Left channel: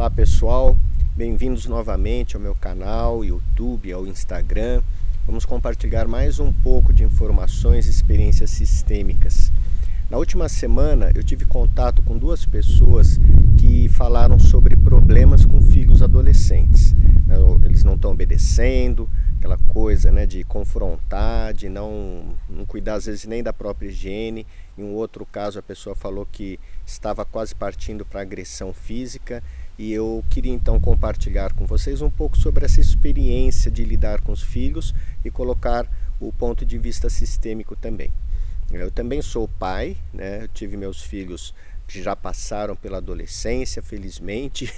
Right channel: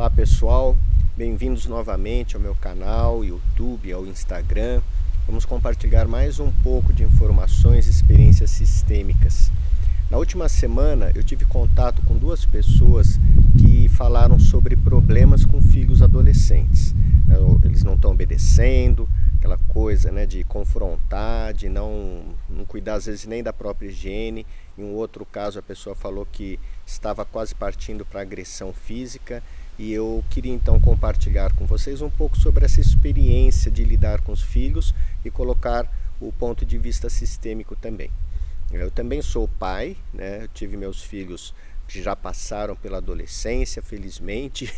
Olá pessoal, bem-vindos novamente ao meu canal, YouTube, ao Instagram. Vamos compartilhar mais um pouco de informações e experiências sistêmicas. Na última semana eu tive contato com duas pessoas que falaram sobre problemas com filhos adolescentes. Eles não estão obedecendo, aquela coisa, né, de confrontar, de não cuidar às vezes nem da própria higiene. Em um outro caso a pessoa falou que estava quase partindo para agressão física. E eu queria então compartilhar com vocês um pouco sobre essa experiência de lidar com os filhos e colocar o ponto de vista sistêmico também. Eu também sou pai, né? Eu tive meus filhos que já passaram pela adolescência, felizmente.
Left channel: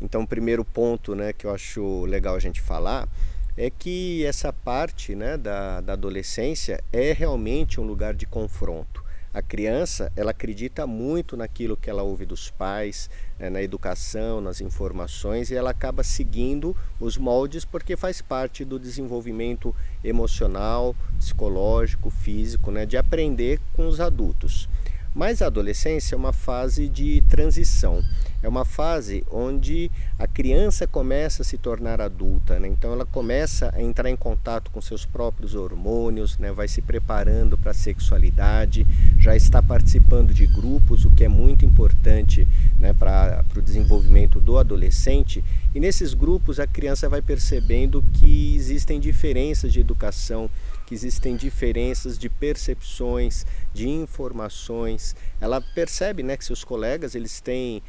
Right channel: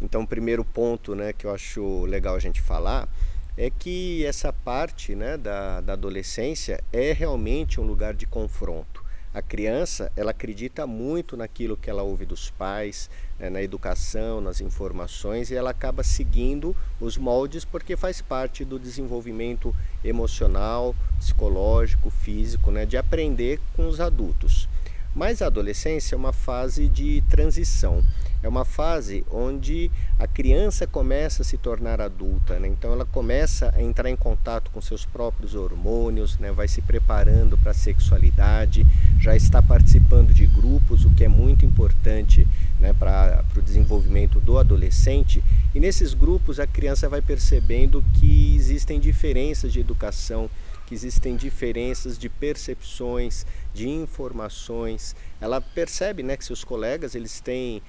Então o primeiro ponto, né, que eu acho legal a gente falar é que essa parte, né, da adolescência é realmente um lugar de confronto. A criança, ela acredita muito naquilo que ela ouve dos pais, né, na educação, nas informações, e ela acaba seguindo os moldes porque faz parte do desenvolvimento emocional, psicológico, físico, né, de aprender com os adultos. Mas a adolescência é uma fase de transição, é uma fase onde a criança começa a se tornar adulta, né? Então ela começa a entrar em contato com seus próprios hormônios, né? Vai se preparando para a sexualidade, já está participando de grupos, o que é muito importante, né, para o desenvolvimento do adolescente. E nesses grupos a criança vai percebendo que existem diferenças de educação, que existem diferenças de percepções, de informações. Ela percebe, né, que seus colegas eles têm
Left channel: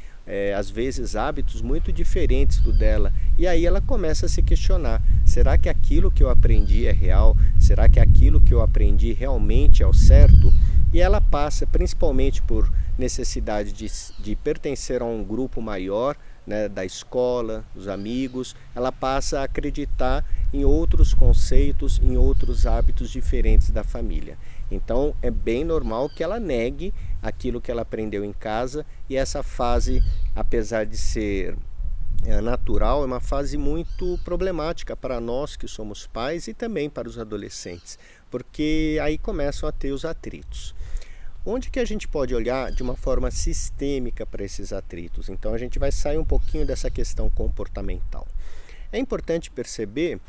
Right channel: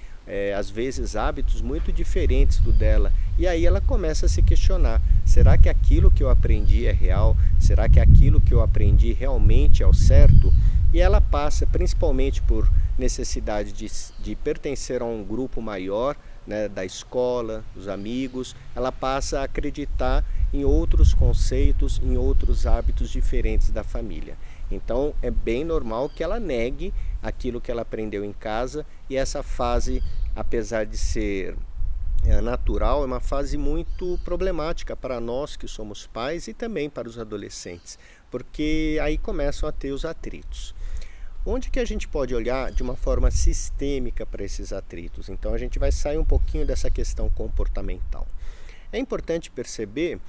às vezes hábitos muito diferentes do dela, e aí ela começa a se questionar: será que aquilo que eu aprendi é real? Será que aquilo que eu aprendi realmente é o certo? E ela passa principalmente por necessidade de pertencer a um grupo maior, né, da escola, dos amigos. Ela passa a acreditar em outros conceitos, em outros hábitos diferentes da família. Então é bem normal que ela negue aquilo que ela aprendeu em casa, e essa fase, apesar de ser natural, é uma fase muito problemática para nós que somos pais e também para os adolescentes, porque aí começam a ter os atritos. Onde que a gente pode olhar de uma forma sistêmica para esses atritos? Então a gente vai sair um pouquinho dessa questão comportamental. É importante perceber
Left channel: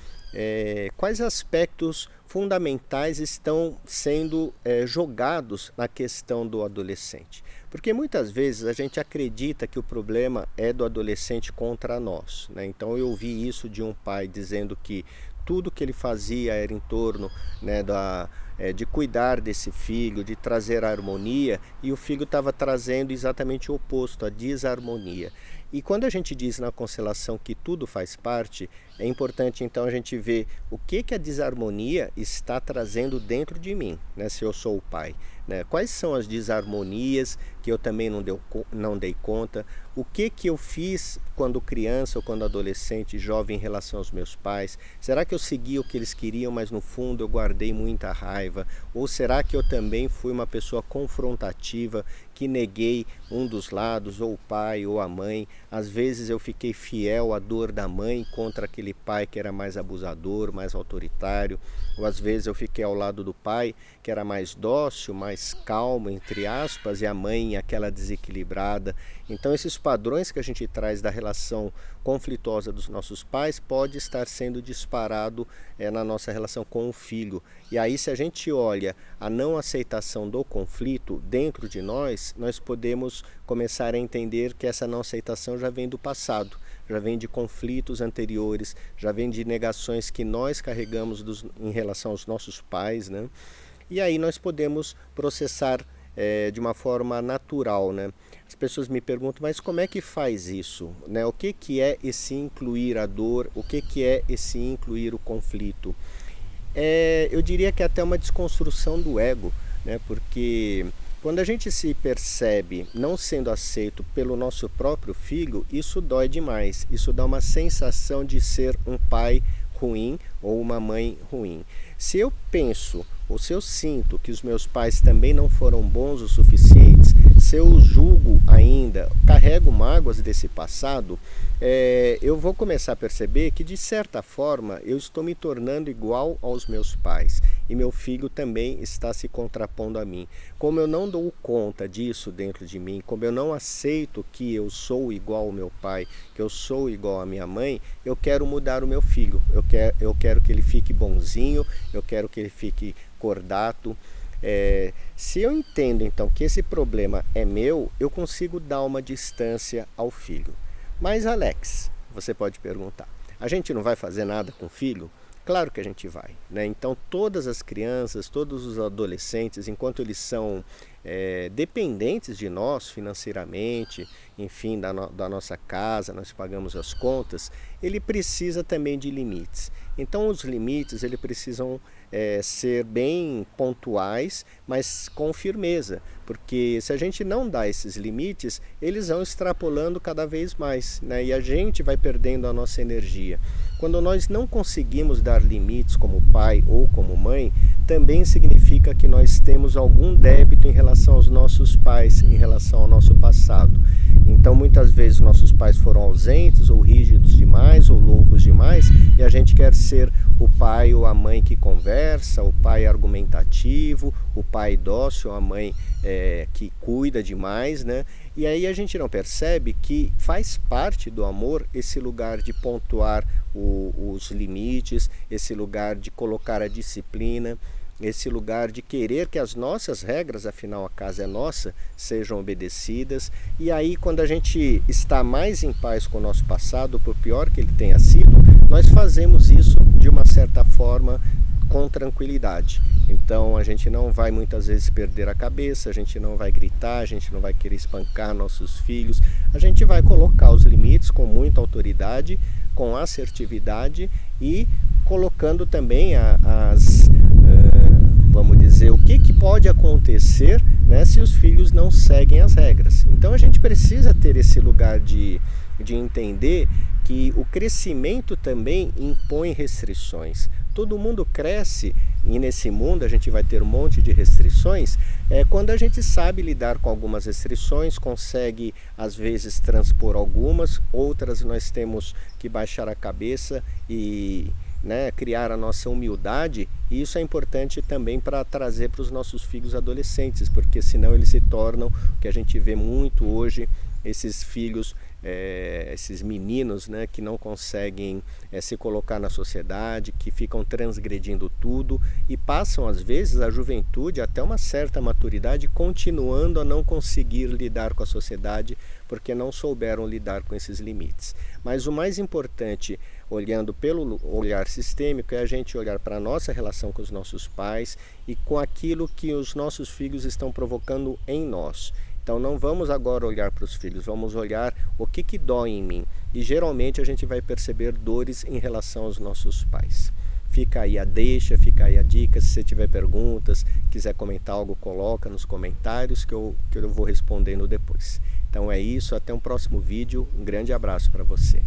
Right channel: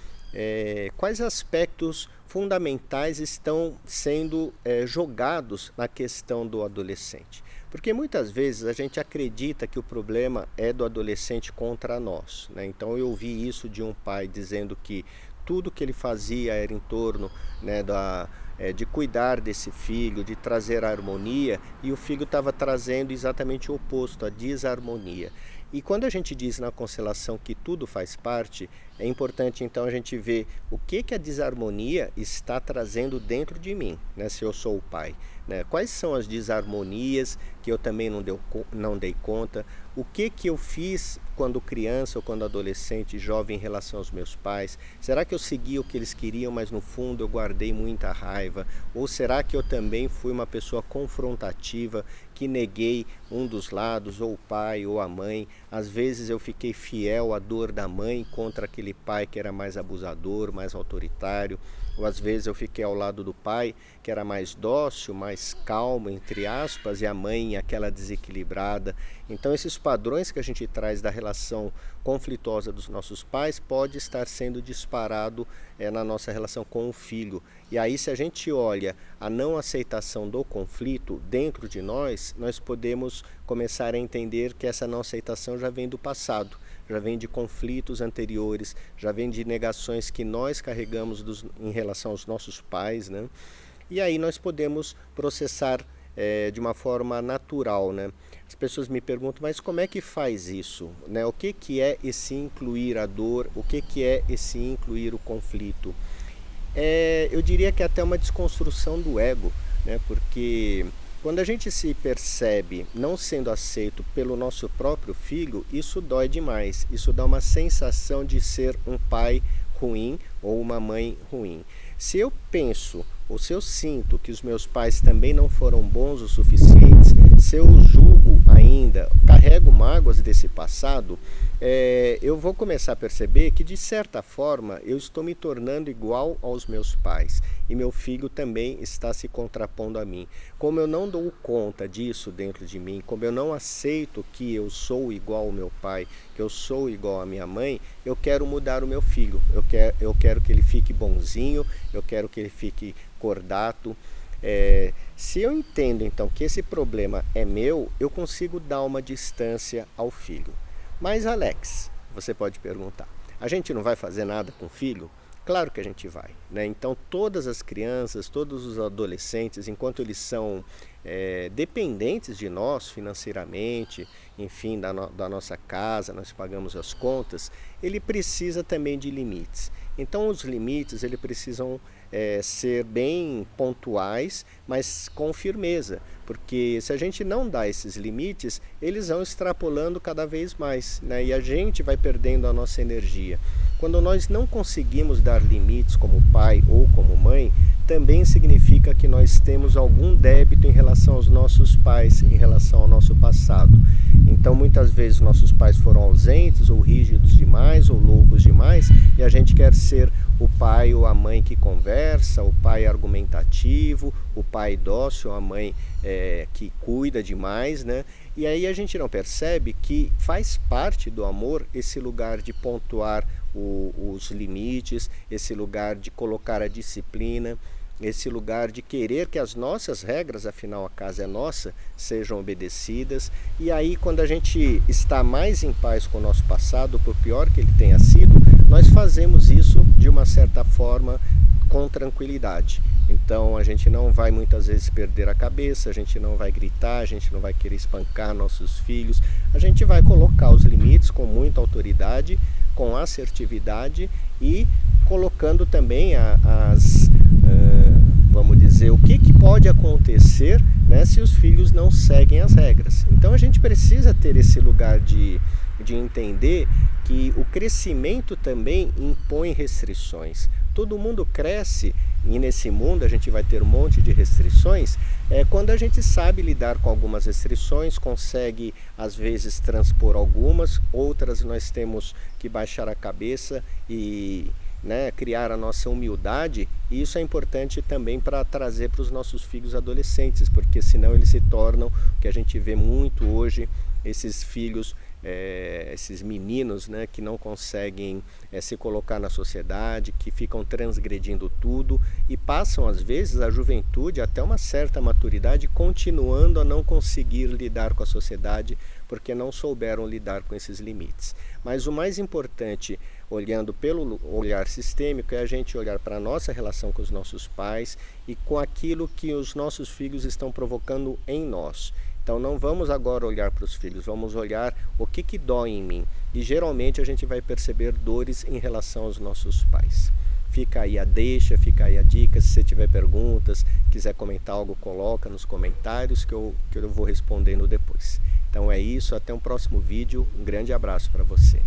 quais aspectos fundamentais estão sendo jogados na questão do adolescente. Porque muitas vezes a gente acredita que o problema é do adolescente contra nós, né? Então eu ouvi isso de um pai dizendo que tudo que ele fazia era em torno, né, de cuidar desse filho, de trazer a harmonia, e o filho estava trazendo exatamente o oposto, a desarmonia. E quando a gente diz na constelação que tudo faz parte, é importante então a gente ver o que a desarmonia está trazendo dentro de mim, né, se eu sou o pai, né? Quais são as desarmonias que eu também não dei conta, o que eu fiz quando criança ou quando adolescente, jovem, em relação aos meus pais. Será que eu segui o que eles queriam, mas no fundo eu guardei muita raiva? Ou será que eu também fui uma pessoa confrontativa, que neguei um dos lados, ou o pai ou a mãe? Às vezes eu fiquei fiel à dor da mãe contra aquele pai que era mais abusador, mais autoritário. Ou às vezes eu fiquei ao lado do pai que era mais dócil, mais calmo, entre aspas, e a mãe aquela desequilibrada. Então esses padrões que a gente traz da relação conflituosa dos nossos pais pode estar sendo disparado na nossa relação com o filho. E aí, se a gente olha a não aceitação do conflito dentro de nós podemos começar a entender que essa não aceitação já vem do passado, já vem de conflitos anteriores, já vem de negações que nós carregamos em relação aos nossos pais, né? E aí nós podemos processar de uma forma natural, né? As pessoas me perguntam, mas como é que faz isso, né? O que é esse incluir a dor? O que é esse incluir o conflito? Eu diria que é até uma desconstrução do ego, né? Porque quando a gente se percebe não sendo aceito pelo nosso próprio filho, isso dói demais. Isso dá uma sensação de ser um pai ruim ou uma mãe ruim. Se eu penso ou se eu sinto que os meus pais também não foram bons o suficientes, se eu julgo ainda, carrego mágoas desse passado, eu vou começar a perceber que, de certa forma, eu estou me tornando igual aos meus pais e meu filho também está se contrapondo a mim. Como eu não dou conta disso dentro de mim, como eu não aceito que eu sou igual ao meu pai, que eu sou igual à minha mãe, eu quero mudar o meu filho. Eu quero que ele fique bonzinho, eu quero que ele fique cordato. Se eu entendo então que esse problema é meu, eu consigo dar uma distância ao filho. Mas Alex, você pode perguntar, a gente não vai fazer nada com o filho? Claro que a gente vai, né? Então todas as crianças, todos os adolescentes, enquanto eles são dependentes de nós financeiramente, enfim, da nossa casa, nós pagamos as contas, ele precisa também de limites. Então os limites eles precisam ser bem pontuais, mas com firmeza, porque se a gente não dá esses limites, eles vão extrapolando cada vez mais, né? E a gente vai perdendo a nossa energia. Quando nós não conseguimos dar limites como pai ou como mãe, também significa que nós temos algum débito em relação aos nossos pais, em relação ao nosso passado. Então muitas vezes nossos pais foram ausentes ou rígidos demais ou loucos demais e a gente quer ser o pai ou a mãe que conversa, o pai argumentativo, o pai dócil, a mãe que cuida demais, né? E aí a gente não percebe que faz parte do amor esse lugar de pontuar os limites, esse lugar de colocar a disciplina, esse lugar de querer que as nossas regras, afinal a casa é nossa, sejam obedecidas. E aí quando a gente está mais em paz com o nosso passado, por pior que ele tenha sido, nós fazemos isso de uma certa forma com tranquilidade. Então a gente não vai muitas vezes perder a cabeça, a gente não vai gritar, a gente não vai querer espancar nossos filhos, a gente vai colocar os limites com muita autoridade, com assertividade e colocando também vamos dizer, o que pode acontecer, né, se os filhos não seguem as regras. Então a gente precisa ter esse lugar de entender que o crescimento também impõe restrições. Todo mundo cresce e nesse mundo a gente vai ter um monte de restrições, quando a gente sabe lidar com algumas restrições, consegue às vezes transpor algumas, outras nós temos que baixar a cabeça e criar a nossa humildade, e isso é importante também para trazer para os nossos filhos adolescentes, porque senão eles se tornam o que a gente vê muito hoje, esses filhos, esses meninos, né, que não conseguem se colocar na sociedade, que ficam transgredindo tudo e passam às vezes a juventude até uma certa maturidade continuando a não conseguir lidar com a sociedade porque não souberam lidar com esses limites. Mas o mais importante, olhando pelo olhar sistêmico, é a gente olhar para a nossa relação com os nossos pais e com aquilo que os nossos filhos estão provocando em nós. Então não vamos agora olhar para os filhos, vamos olhar o que dói em mim. E geralmente a gente vai perceber dores em relação aos nossos pais. Fica aí a deixa, fica aí a dica. Se você tiver perguntas, quiser comentar algo, coloca nos comentários que eu vou respondendo depois. Então é isso, até um próximo vídeo. Um grande abraço para você.